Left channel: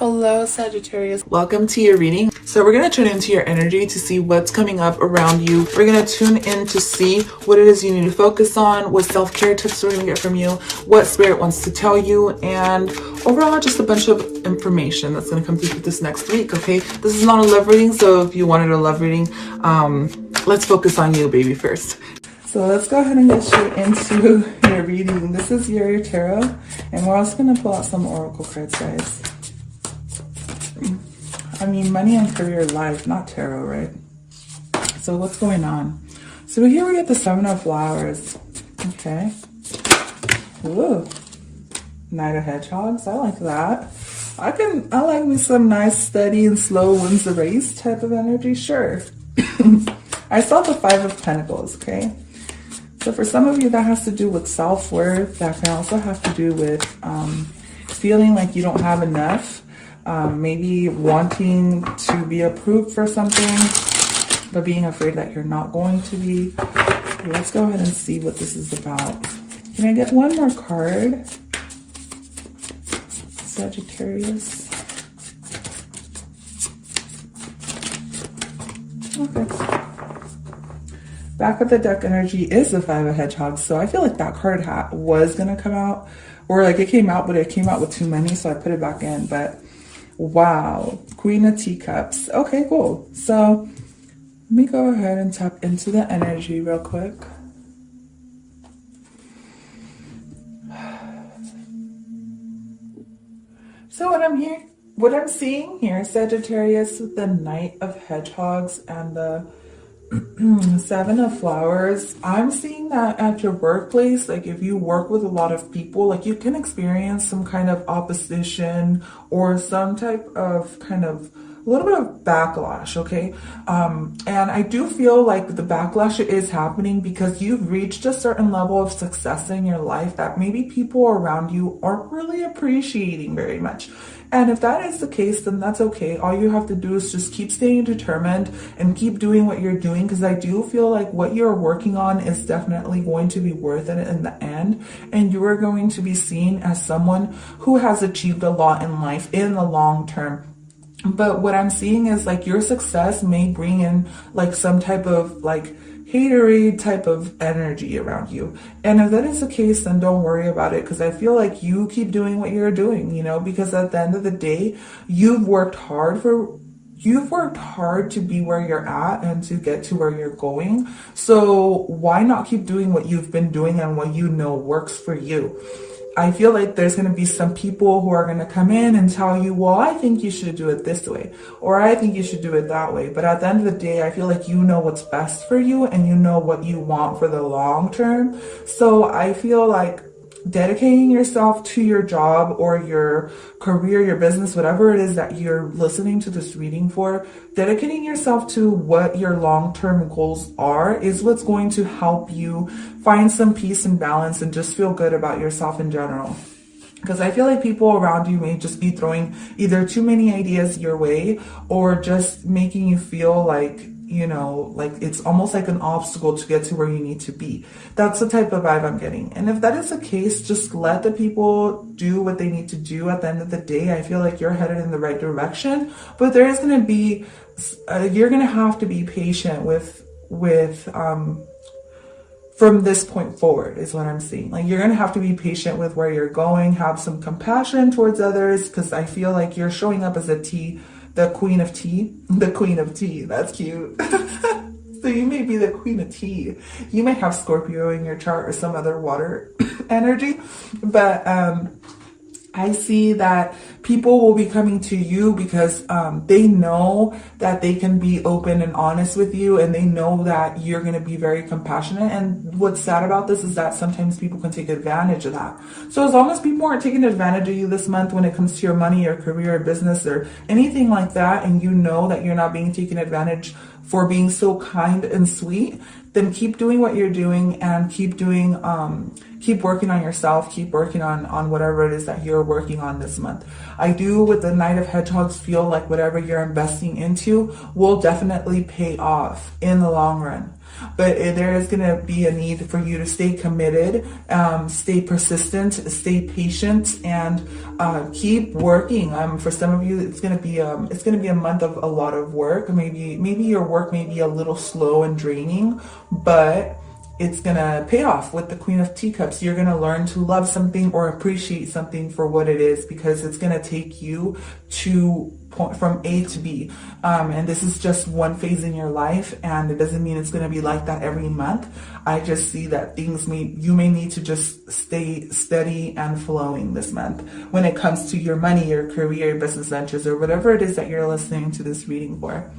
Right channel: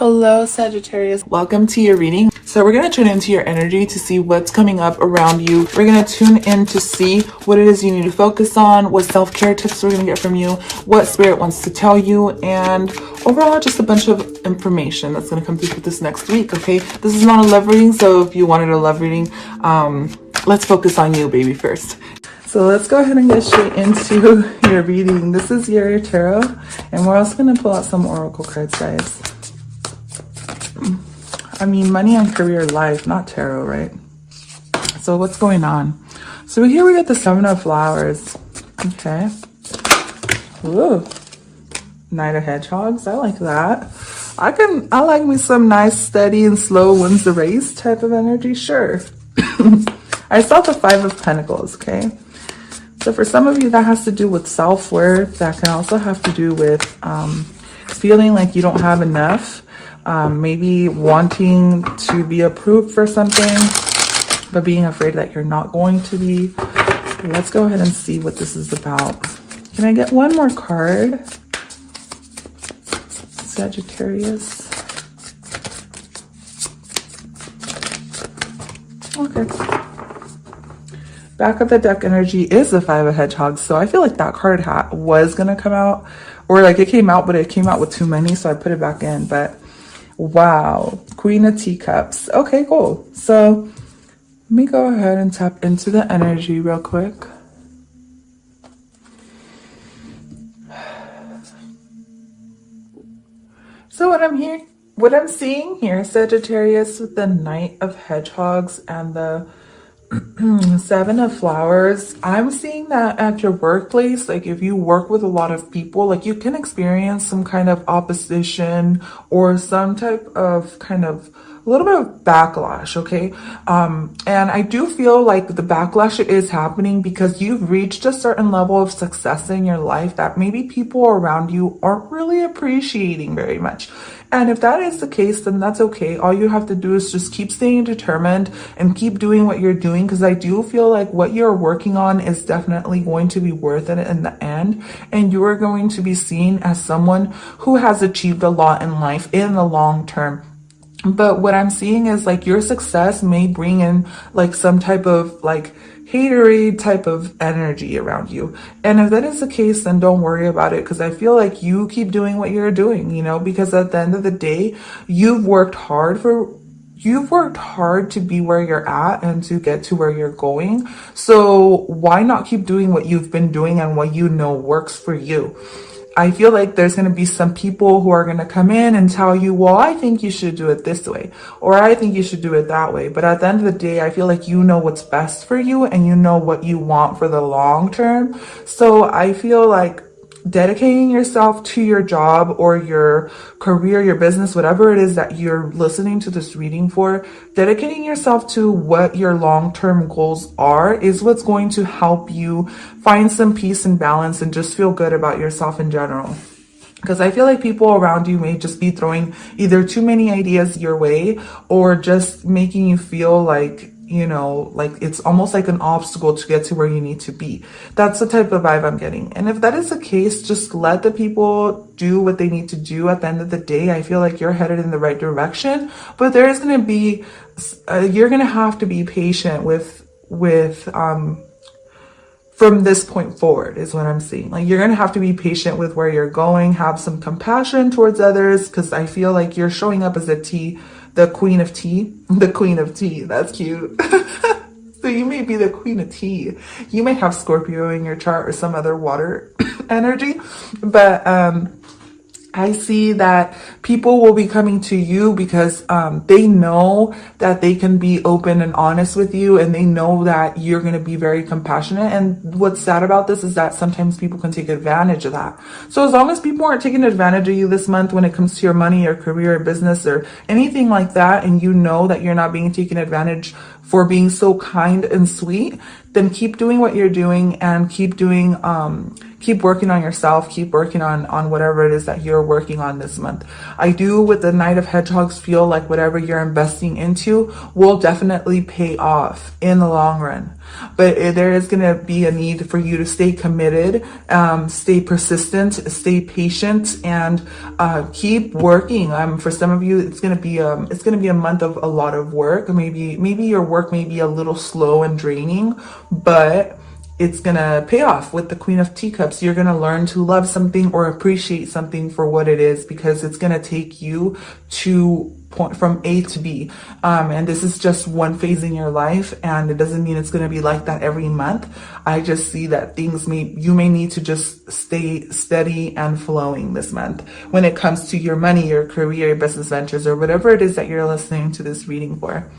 Hello, Sagittarius. Welcome to your reading. So we're going to tune into your energy to see what's coming up around you. We're going to tune in to see what it is you need to focus on, what self-care tips we're going to get from you, what spirit wants to tell you, and overall just a bunch of information that's going to come through for this next week, okay? This is not a love reading, so if you wanted a love reading, let's focus on you, baby, first. So let's go ahead and get straight into your reading. This is your tarot, and we're also going to pull out some oracle cards, guys. I mean, money and career life, not tarot, right? So what's going on? So here we get the Seven of Flowers. Okay. Ooh. Knight of Hedgehogs. I like that. I like me some nice, steady and slow wins the race type of energy. Sure. I saw the Five of Pentacles. Okay. So for some of you, that has to do with self-worth. That can also have to do with feeling like you don't have enough. Maybe wanting to be approved for something, but being afraid that you're not going to be. Let's go ahead and see what this is about. Can I get one more card? Sagittarius. Okay. Back of the deck energy is the Five of Hedgehogs. So I feel like that card was going to come out, or like it came out, but it came out with too many. So I put it back in, but wow, Queen of Teacups. Okay, cool. So let me go ahead and tap into the energy real quick. So what I'm seeing here, Sagittarius, with the Knight of Hedgehogs and the Seven of Flowers, I'm seeing that at your workplace, like if you work with a lot of people, like you can experience some kind of opposition or some type of a little bit of backlash, okay? And I do feel like the backlash is happening because you've reached a certain level of success in your life that maybe people around you aren't really appreciating very much. And if that is the case, then that's okay. All you have to do is just keep staying determined and keep doing what you're doing, because I do feel like what you're working on is definitely going to be worth it in the end. And you are going to be seen as someone who has achieved a lot in life in the long term. But what I'm seeing is like your success may bring in like some type of like haterade type of energy around you. And if that is the case, then don't worry about it, because I feel like you keep doing what you're doing, you know, because at the end of the day, you've worked hard to be where you're at and to get to where you're going. So why not keep doing what you've been doing and what you know works for you? I feel like there's going to be some people who are going to come in and tell you, well, I think you should do it this way, or I think you should do it that way. But at the end of the day, I feel like you know what's best for you and you know what you want for the long term. So I feel like dedicating yourself to your job or your career, your business, whatever it is that you're listening to this reading for, dedicating yourself to what your long-term goals are is what's going to help you find some peace and balance and just feel good about yourself in general. Because I feel like people around you may just be throwing either too many ideas your way or just making you feel like, you know, like it's almost like an obstacle to get to where you need to be. That's the type of vibe I'm getting. And if that is the case, just let the people do what they need to do. At the end of the day, I feel like you're headed in the right direction, but there is going to be, you're going to have to be patient with from this point forward is what I'm seeing. Like you're going to have to be patient with where you're going, have some compassion towards others, because I feel like you're showing up as the Queen of Tea. The Queen of Tea. That's cute. So you may be the Queen of Tea. You may have Scorpio in your chart or some other water energy. But I see that people will be coming to you because they know that they can be open and honest with you, and they know that you're going to be very compassionate. And what's sad about this is that sometimes people can take advantage of that. So as long as people aren't taking advantage of you this month when it comes to your money or career or business or anything like that, and you know that you're not being taken advantage for being so kind and sweet, then keep doing what you're doing and keep doing, keep working on yourself, keep working on whatever it is that you're working on this month. I do, with the Knight of Hedgehogs, feel like whatever you're investing into will definitely pay off in the long run. But there is going to be a need for you to stay committed, stay persistent, stay patient, and keep working. For some of you, it's going to be a month of a lot of work. Maybe your work may be a little slow and draining, but it's gonna pay off with the Queen of Teacups. You're gonna learn to love something or appreciate something for what it is, because it's gonna take you from A to B. And this is just one phase in your life, and it doesn't mean it's gonna be like that every month. I just see that you may need to just stay steady and flowing this month when it comes to your money, your career, your business ventures, or whatever it is that you're listening to this reading for.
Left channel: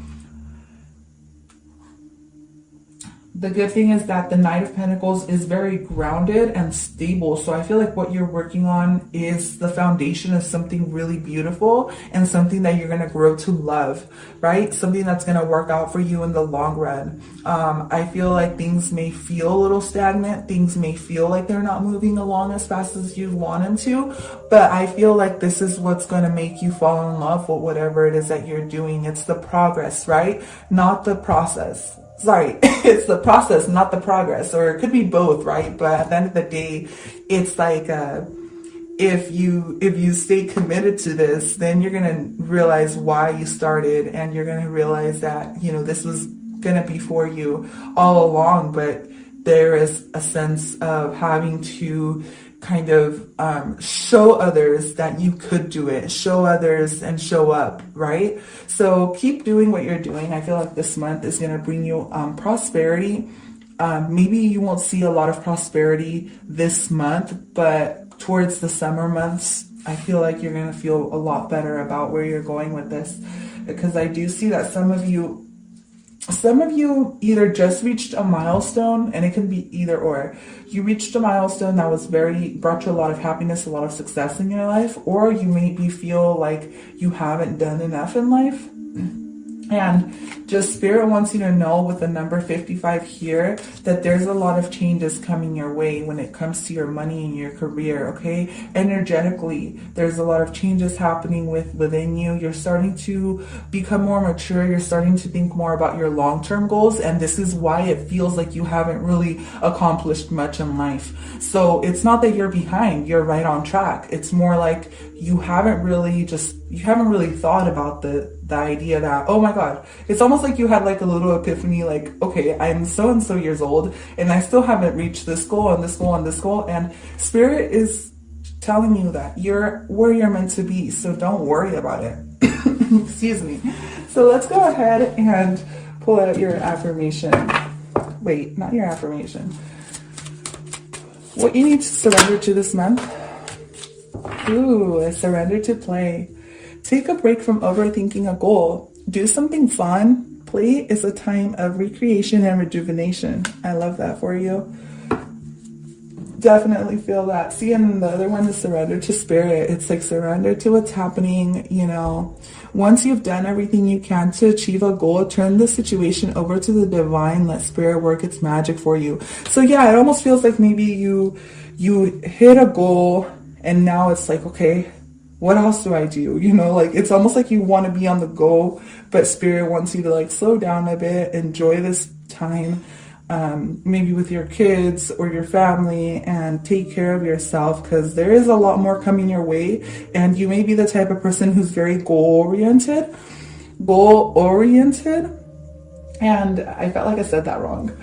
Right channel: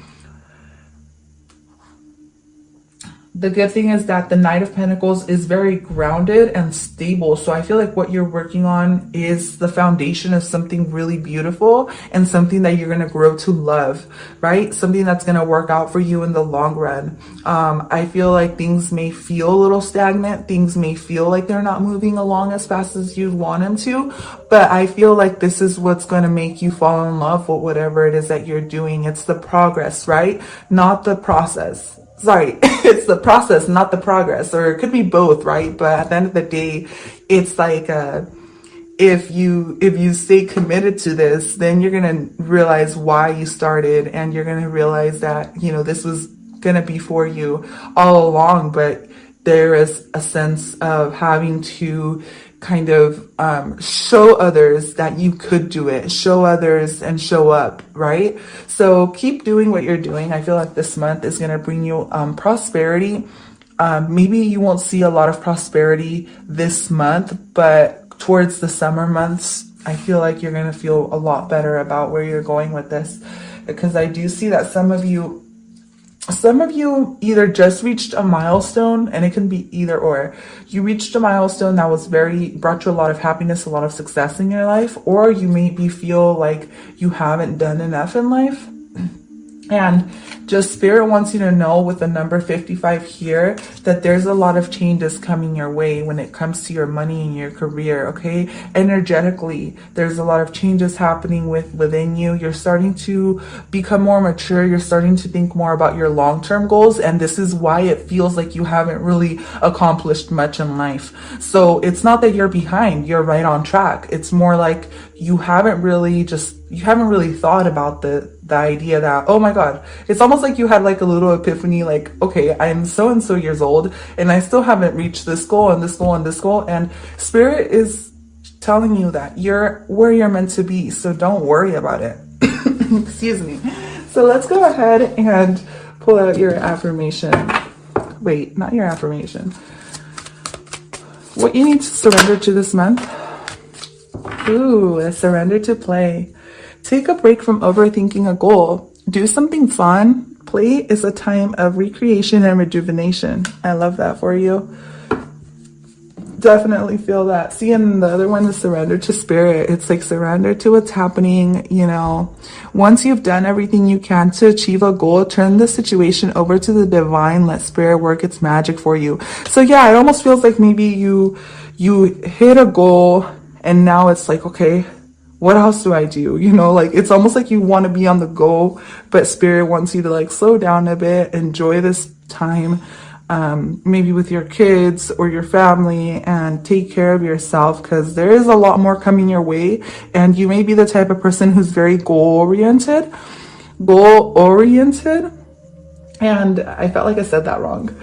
The good thing is that the Knight of Pentacles is very grounded and stable. So I feel like what you're working on is the foundation of something really beautiful and something that you're going to grow to love, right? Something that's going to work out for you in the long run. I feel like things may feel a little stagnant. Things may feel like they're not moving along as fast as you want them to. But I feel like this is what's going to make you fall in love with whatever it is that you're doing. It's the progress, right? Not the process. Sorry, it's the process, not the progress, or it could be both, right? But at the end of the day, it's like if you stay committed to this, then you're gonna realize why you started, and you're gonna realize that this was gonna be for you all along. But there is a sense of having to kind of show others that you could do it, show others and show up, right? So keep doing what you're doing. I feel like this month is going to bring you prosperity. Maybe you won't see a lot of prosperity this month, but towards the summer months, I feel like you're going to feel a lot better about where you're going with this, because I do see that some of you either just reached a milestone, and it can be either or. You reached a milestone that brought you a lot of happiness, a lot of success in your life, or you maybe feel like you haven't done enough in life. And just Spirit wants you to know with the number 55 here that there's a lot of changes coming your way when it comes to your money and your career, okay? Energetically, there's a lot of changes happening within you. You're starting to become more mature. You're starting to think more about your long-term goals. And this is why it feels like you haven't really accomplished much in life. So it's not that you're behind, you're right on track. It's more like you haven't really thought about the idea that, oh my God, it's almost like you had like a little epiphany, like, okay, I'm so and so years old and I still haven't reached this goal and this goal and this goal. And Spirit is telling you that you're where you're meant to be. So don't worry about it. Excuse me. So let's go ahead and pull out your affirmation. Wait, not your affirmation. What you need to surrender to this month. Ooh, surrender to play. Take a break from overthinking a goal. Do something fun. Play is a time of recreation and rejuvenation. I love that for you. Definitely feel that. See, and the other one is surrender to Spirit. It's like surrender to what's happening. Once you've done everything you can to achieve a goal, turn the situation over to the divine. Let Spirit work its magic for you. So yeah, it almost feels like maybe you hit a goal and now it's like, okay, what else do I do? It's almost like you want to be on the go, but Spirit wants you to like slow down a bit, enjoy this time, maybe with your kids or your family, and take care of yourself, because there is a lot more coming your way. And you may be the type of person who's very goal-oriented. And I felt like I said that wrong.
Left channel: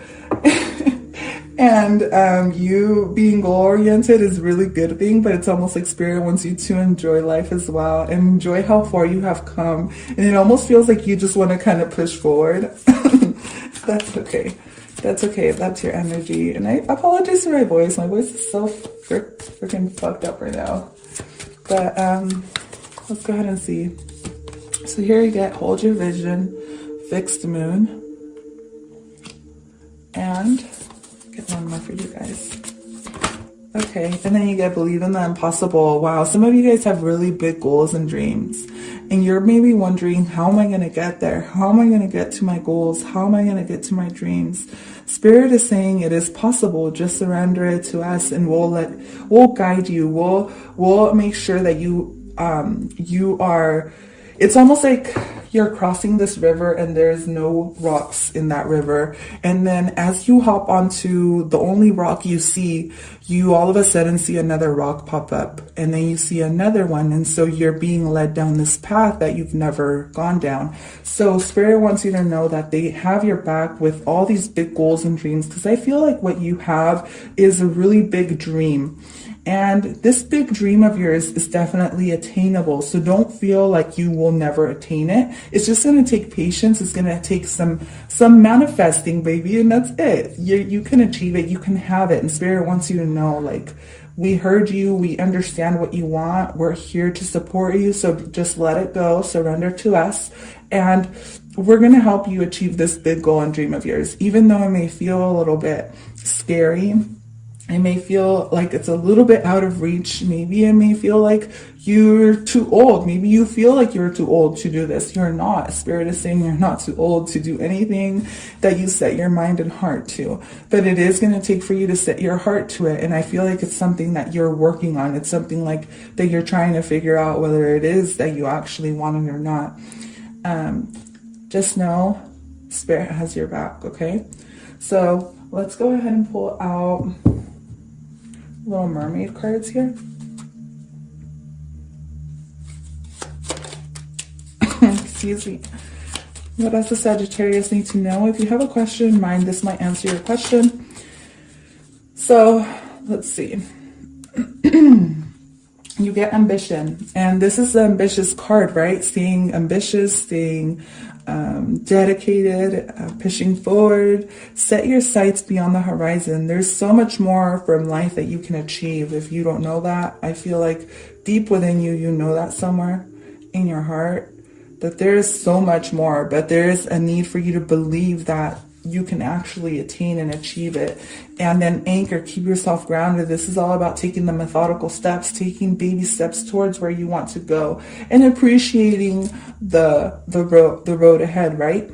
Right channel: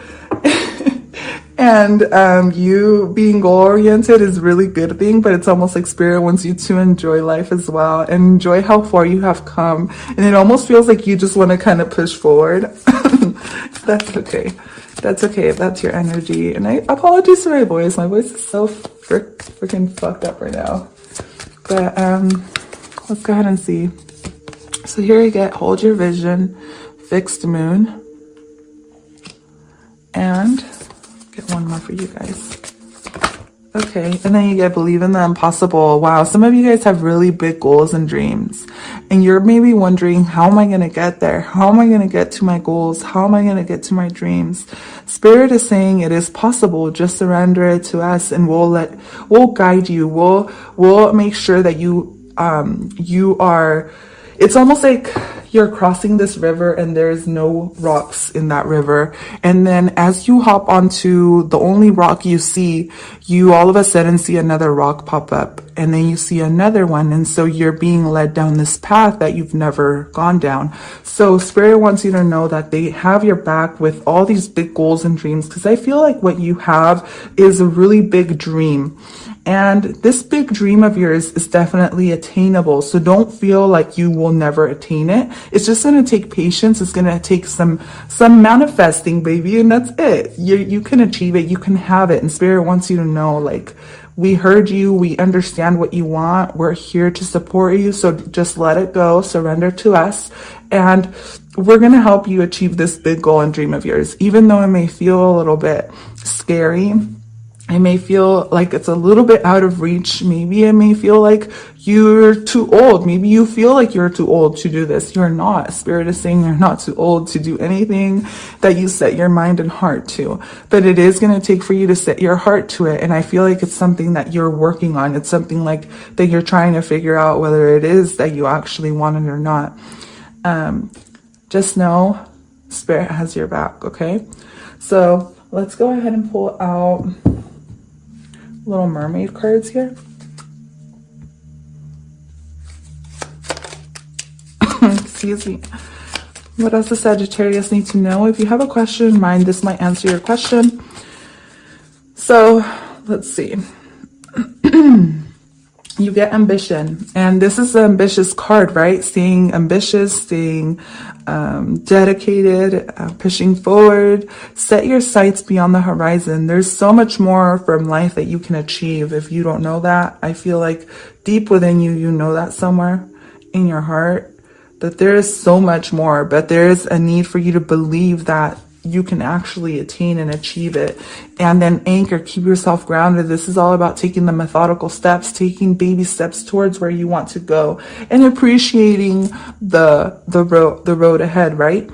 And you being goal-oriented is a really good thing, but it's almost like Spirit wants you to enjoy life as well and enjoy how far you have come. And it almost feels like you just want to kind of push forward. That's okay. That's okay if that's your energy. And I apologize for my voice. My voice is so freaking fucked up right now. But let's go ahead and see. So here you get hold your vision, fixed moon, and get one more for you guys. Okay, and then you get believe in the impossible. Wow, some of you guys have really big goals and dreams, and you're maybe wondering, how am I going to get there? How am I going to get to my goals? How am I going to get to my dreams? Spirit is saying it is possible. Just surrender it to us, and we'll guide you. We'll make sure that you are. It's almost like you're crossing this river and there's no rocks in that river. And then as you hop onto the only rock you see, you all of a sudden see another rock pop up, and then you see another one. And so you're being led down this path that you've never gone down. So Spirit wants you to know that they have your back with all these big goals and dreams, because I feel like what you have is a really big dream. And this big dream of yours is definitely attainable. So don't feel like you will never attain it. It's just going to take patience. It's going to take some manifesting, baby. And that's it. You can achieve it. You can have it. And Spirit wants you to know, like, we heard you. We understand what you want. We're here to support you. So just let it go. Surrender to us. And we're going to help you achieve this big goal and dream of yours. Even though it may feel a little bit scary, it may feel like it's a little bit out of reach. Maybe it may feel like you're too old. Maybe you feel like you're too old to do this. You're not. Spirit is saying you're not too old to do anything that you set your mind and heart to. But it is going to take for you to set your heart to it. And I feel like it's something that you're working on. It's something like that you're trying to figure out whether it is that you actually want it or not. Just know Spirit has your back, okay? So let's go ahead and pull out Little Mermaid cards here. Excuse me. What does the Sagittarius need to know? If you have a question in mind, this might answer your question. So let's see. You get ambition, and this is an ambitious card, right? Staying ambitious, staying dedicated, pushing forward. Set your sights beyond the horizon. There's so much more from life that you can achieve. If you don't know that, I feel like deep within you, you know that somewhere in your heart, that there is so much more, but there is a need for you to believe that you can actually attain and achieve it. And then anchor, keep yourself grounded. This is all about taking the methodical steps, taking baby steps towards where you want to go, and appreciating the road ahead, right?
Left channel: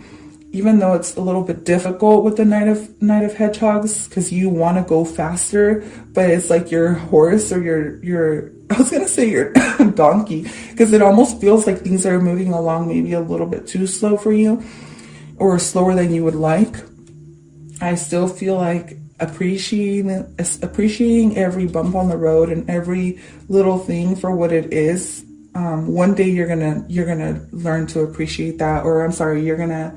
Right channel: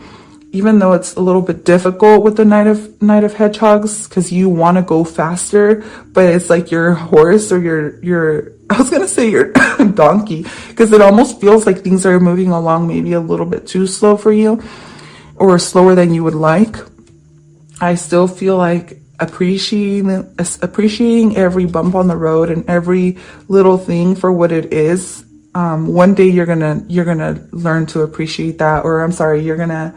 Even though it's a little bit difficult with the Knight of Hedgehogs, because you want to go faster, but it's like your horse or your I was gonna say your donkey, because it almost feels like things are moving along maybe a little bit too slow for you, or slower than you would like. I still feel like appreciating every bump on the road and every little thing for what it is. One day you're gonna learn to appreciate that, or I'm sorry, you're gonna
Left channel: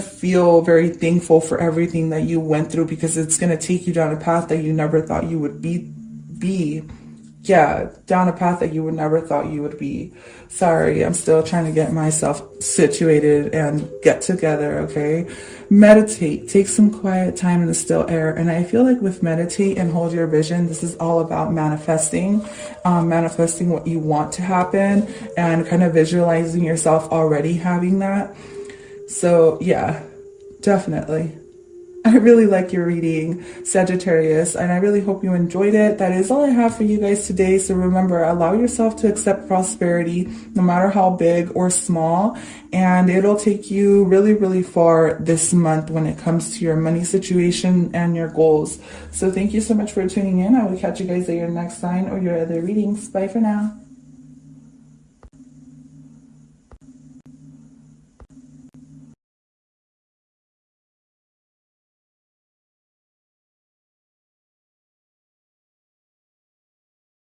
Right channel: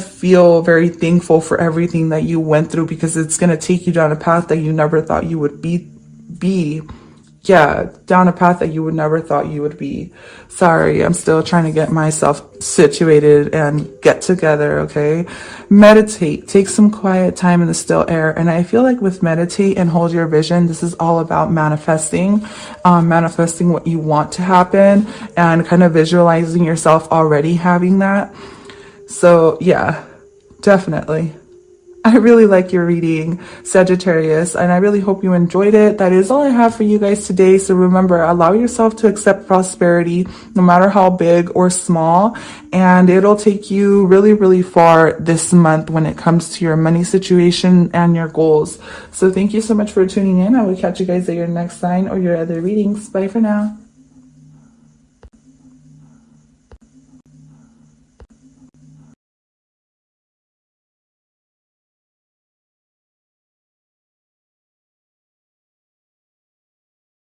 feel very thankful for everything that you went through, because it's gonna take you down a path that you never thought you would be. Yeah, down a path that you would never thought you would be. Sorry, I'm still trying to get myself situated and get together, okay? Meditate. Take some quiet time in the still air. And I feel like with meditate and hold your vision, this is all about manifesting. Manifesting what you want to happen and kind of visualizing yourself already having that. So yeah, definitely. I really like your reading, Sagittarius, and I really hope you enjoyed it. That is all I have for you guys today. So remember, allow yourself to accept prosperity, no matter how big or small, and it'll take you really, really far this month when it comes to your money situation and your goals. So thank you so much for tuning in. I will catch you guys at your next sign or your other readings. Bye for now.